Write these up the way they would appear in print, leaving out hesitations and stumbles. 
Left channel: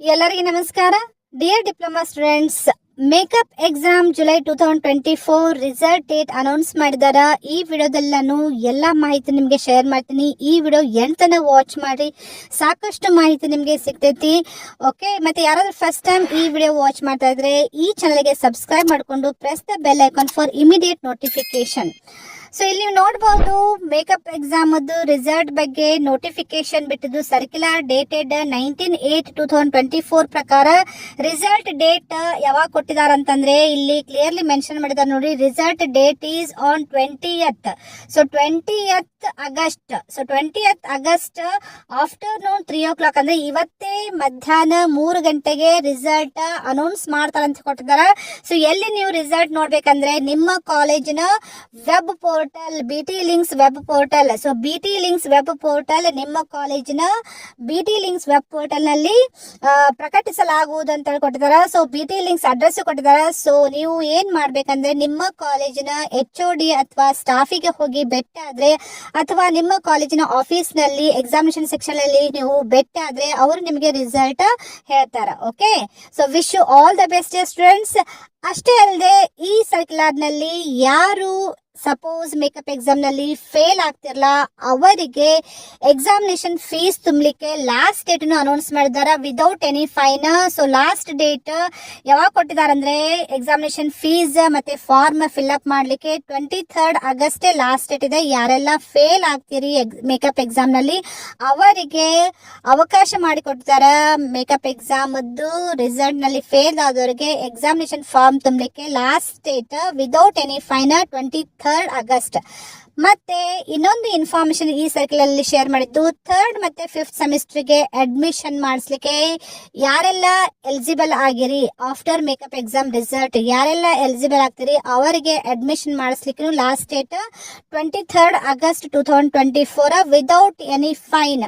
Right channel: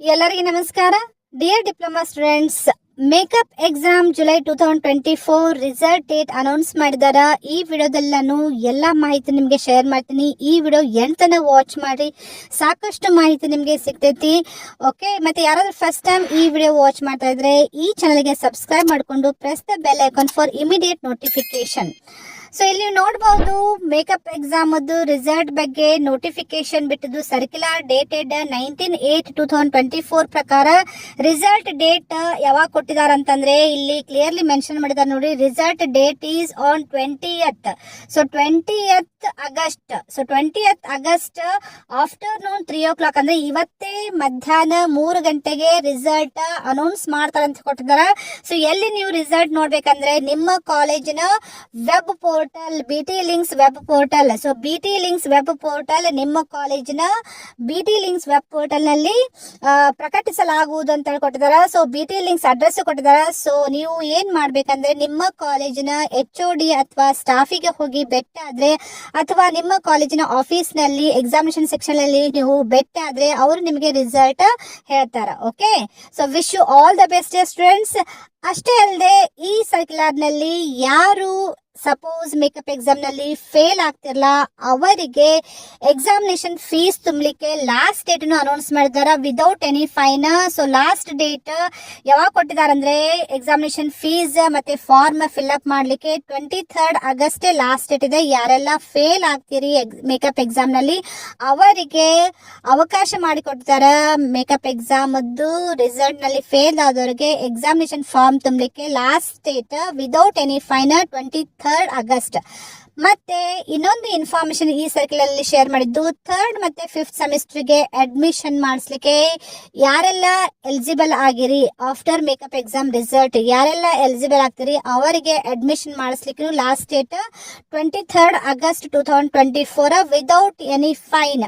ಎಲ್ಲರಿಗೆ ನಮಸ್ಕಾರ. Dear diploma students, makeup exam July 2024 result date announce ಮಾಡಿದಾರ. ಈ ವಿಡಿಯೋದಲ್ಲಿ ನಾನು ಎಲ್ಲ ಮಾಹಿತಿ ನಿಮಗೆ ಶೇರ್ ಮಾಡ್ತೀನಿ. ಈ ವಿಡಿಯೋ ಎಂತನ ವಾಚ್ ಮಾಡಿ, ಸಾಕಷ್ಟು ಮಾಹಿತಿ ನಿಮಗೆ ಸಿಗ್ತೈತಿ. ಓಕೆ, ಮತ್ತೆ ಯಾರಾದ್ರೂ ಫಸ್ಟ್ ಟೈಮ್ ಈ ವಿಡಿಯೋ ವಾಚ್ ಮಾಡ್ತಾ ಇದ್ರೆ ಈ ಚಾನಲ್ಗೆ ಸಬ್ಸ್ಕ್ರೈಬ್ ಮಾಡಿಕೊಂಡು press the bell icon for immediate notification. So ಇಲ್ಲಿ ನೋಡಬಹುದು, ಮೇಕಪ್ ಎಕ್ಸಾಮ್ ರಿಸಲ್ಟ್ ಬಗ್ಗೆ ನೋಟಿಫಿಕೇಶನ್ ಬಿಟ್ಟಿದ್ದು ಸರ್ಕ್ಯುಲರ್ ಡೇಟೆಡ್ 19/8/2024 ಪ್ರಕಾರ ರಿಸಲ್ಟ್ ಡೇಟ್ ಯಾವಾಗ ಕೊಟ್ಟಿದ್ದಾರೆ ಅಂತಂದ್ರೆ ಇಲ್ಲಿ ಕ್ಲಿಯರ್ಲಿ ಮೆನ್ಷನ್ ಮಾಡಿದ್ದಾರೆ ನೋಡಿ. Result date is on 20th. So 20th August. So 20th August afternoon 3 o'clock ಅಂದ್ರೆ ಇವತ್ತೇ ಮಧ್ಯಾಹ್ನ 3 ಗಂಟೆಗೆ ರಿಸಲ್ಟ್ ಅನೌನ್ಸ್ ಮಾಡ್ತಾರೆ ಅಂತ ಕೊಟ್ಟಿದ್ದಾರೆ. ಸೊ ಎಲ್ಲಿ ನೀವು ರಿಸಲ್ಟ್ ನೋಡ್ಬೇಕಂದ್ರೆ ನಿಮ್ಮ ಕಾಲೇಜಿನ web portal, BT links web portal. So BT links web portal ನಿಮ್ಮ ಕಾಲೇಜಿನ BT ಲಿಂಕ್ಸ್ ವೆಬ್ ಪೋರ್ಟಲ್ ನಲ್ಲಿ ಪ್ರಕಟಿಸಲಾಗುವುದು ಅಂತ ಕೊಟ್ಟಿದ್ದಾರೆ. ಸೊ BT ಲಿಂಕ್ಸ್ ಅಡ್ರೆಸ್ ಕೊಟ್ಟಿದ್ದಾರೆ. ಸೊ ನೀವು ಏನ್ ಮಾಡ್ಬೇಕಂದ್ರೆ ನಿಮ್ಮ ಕಾಲೇಜಿನ HOD ಅಥವಾ ಸ್ಟಾಫಿಗೆ ಹೋಗಿ ಭೇಟಿ ಆದ್ರೆ, ಅಥವಾ ನಿಮ್ಮ ಕಾಲೇಜಿನ ಆಫೀಸ್ ನಲ್ಲಿ ಎಕ್ಸಾಮಿನೇಷನ್ ಸೆಕ್ಷನ್ ಅಲ್ಲಿ ನೀವು ಭೇಟಿ ಆದ್ರೆ ಅವರು ನಿಮಗೆ ರಿಸಲ್ಟ್ ಹೇಳ್ತಾರೆ. Okay, so wish you all the best students. ಅಷ್ಟೇ ಅಲ್ಲದೆ ಈ ಸರ್ಕ್ಯುಲರ್ ನಲ್ಲಿ ಯಾರು ಸಪೋಸ್ ಮೇಕಪ್ ಎಕ್ಸಾಮ್ ನಲ್ಲಿ ಫೇಲ್ ಆಗ್ತಿರಲ್ಲ ಅವರಿಗೆ ಎಕ್ಸಾಮಿನೇಷನ್ ಫೀಸ್ ತುಂಬಲಿಕ್ಕೆ ಲಾಸ್ಟ್ ಡೇಟ್ ಅನೌನ್ಸ್ ಮಾಡಿದ್ದಾರೆ without any fine. So last date ಯಾವಾಗ ಕೊಟ್ಟಿದ್ದಾರೆ ಅಂದ್ರೆ ಎಕ್ಸಾಮಿನೇಷನ್ ಫೀಸ್ ಮತ್ತೆ ಫಾರ್ಮ್ ಫಿಲ್ ಅಪ್ ಮಾಡ್ಲಿಕ್ಕೆ 23rd ಆಗಸ್ಟ್ ಲಾಸ್ಟ್ ಡೇಟ್ ಇದೆ. ಯಾರೆಲ್ಲ ಫೇಲ್ ಆಗ್ತೀರಿ ಮೇಕಪ್ ಎಕ್ಸಾಮ್ ನಲ್ಲಿ ಅವರಿಗೆ ಅವಕಾಶ ಮಾಡಿಕೊಡ್ತಾರೆ. ಮೇಕಪ್ ಎಕ್ಸಾಮ್ ರಿಸಲ್ಟ್ ನಲ್ಲಿ ಫೇಲ್ ಆದವರಿಗೆ ಎಕ್ಸಾಮಿನೇಷನ್ ಫಾರ್ಮ್ ತುಂಬಲಿಕ್ಕೆ last date without any fine 23rd August. ಮತ್ತೆ ಇನ್ನೊಂದು ಇನ್ಫಾರ್ಮೇಶನ್ ಈ ಸರ್ಕಲ್ ಅಲ್ಲಿ ಶೇರ್ ಮಾಡಿದ್ದು, 3rd ಮತ್ತೆ 5th ಸೆಮಿಸ್ಟರ್ಗೆ ಅಡ್ಮಿಷನ್ ಮಾಡಿಸ್ಲಿಕ್ಕೆ ಯಾರೆಲ್ಲ ಎಲಿಜಿಬಲ್ ಆಗಿರಿ ಆಫ್ಟರ್ ಮೇಕಪ್ ಎಕ್ಸಾಮ್ ರಿಸಲ್ಟ್ ಯಾರೆಲ್ಲ ಎಲಿಜಿಬಲ್ ಆಗ್ತೀರಿ ಅವರಿಗೆ ಅಡ್ಮಿಷನ್ ಮಾಡಿಸ್ಲಿಕ್ಕೆ last date 23rd August 2024 without any fine.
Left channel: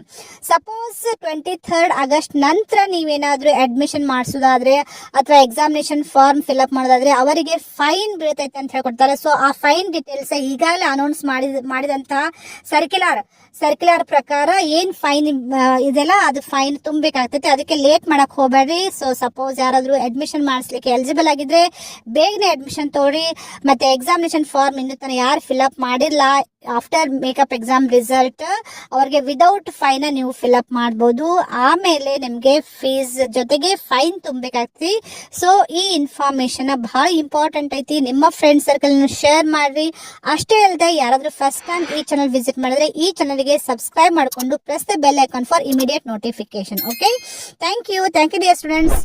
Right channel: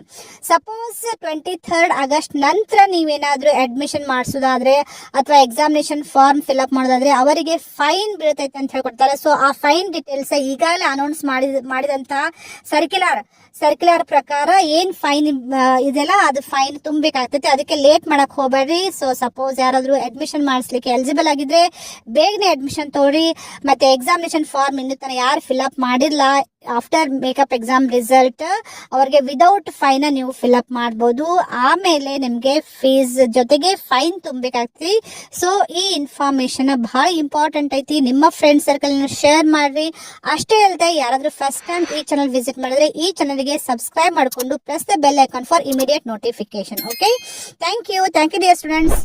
Suppose 23rd August ನಂತರ ನೀವೇನಾದ್ರೂ ಅಡ್ಮಿಷನ್ ಮಾಡಿಸೋದಾದ್ರೆ ಅಥವಾ ಎಕ್ಸಾಮಿನೇಷನ್ ಫಾರ್ಮ್ ಫಿಲ್ ಅಪ್ ಮಾಡೋದಾದ್ರೆ ಅವರಿಗೆ ಫೈನ್ ಬೀಳ್ತೈತೆ ಅಂತ ಹೇಳ್ಕೊಡ್ತಾರೆ. ಸೊ ಆ ಫೈನ್ ಡೀಟೇಲ್ಸ್ ಈಗಾಗಲೇ ಅನೌನ್ಸ್ ಮಾಡಿದಂತಹ ಸರ್ಕ್ಯುಲರ್ ಪ್ರಕಾರ ಏನ್ ಫೈನ್ ಇದೆಲ್ಲ ಅದು ಫೈನ್ ತುಂಬಬೇಕಾಗ್ತೈತೆ. ಅದಕ್ಕೆ ಲೇಟ್ ಮಾಡಕ್ ಹೋಗ್ಬೇಡ್ರಿ. ಸೊ ಸಪೋಸ್ ಯಾರಾದ್ರೂ ಅಡ್ಮಿಷನ್ ಮಾಡಿಸ್ಲಿಕ್ಕೆ ಎಲಿಜಿಬಲ್ ಆಗಿದ್ರೆ ಬೇಗನೆ ಅಡ್ಮಿಷನ್ ತಗೊಳ್ಳಿ. ಮತ್ತೆ ಎಕ್ಸಾಮಿನೇಷನ್ ಫಾರ್ಮ್ ಇನ್ನೂ ತನಕ ಯಾರು ಫಿಲ್ ಅಪ್ ಮಾಡಿಲ್ಲ ಆಫ್ಟರ್ ಮೇಕಪ್ ಎಕ್ಸಾಮ್ ರಿಸಲ್ಟ್ ಅವ್ರಿಗೆ ವಿದೌಟ್ ಫೈನ್ ನೀವು ಫಿಲ್ ಅಪ್ ಮಾಡಬಹುದು. ಆಮೇಲೆ ನಿಮ್ಗೆ ಫೀಸ್ ಜೊತೆಗೆ ಫೈನ್ ತುಂಬಬೇಕಾಗ್ತಿ. ಸೊ ಈ ಇನ್ಫಾರ್ಮೇಶನ್ ಬಹಳ ಇಂಪಾರ್ಟೆಂಟ್ ಐತಿ. ನಿಮ್ಮ ಫ್ರೆಂಡ್ ಸರ್ಕಲ್ ಶೇರ್ ಮಾಡ್ರಿ. ಅಷ್ಟೇ ಅಲ್ಲದೆ ಯಾರಾದ್ರೂ ಫಸ್ಟ್ ಟೈಮ್ ಈ ಚಾನಲ್ ವಿಸಿಟ್ ಮಾಡಿದ್ರೆ ಈ ಚಾನಲ್ಗೆ ಸಬ್ಸ್ಕ್ರೈಬ್ ಮಾಡಿಕೊಂಡು press the bell icon for immediate notification. Okay, thank you dear students.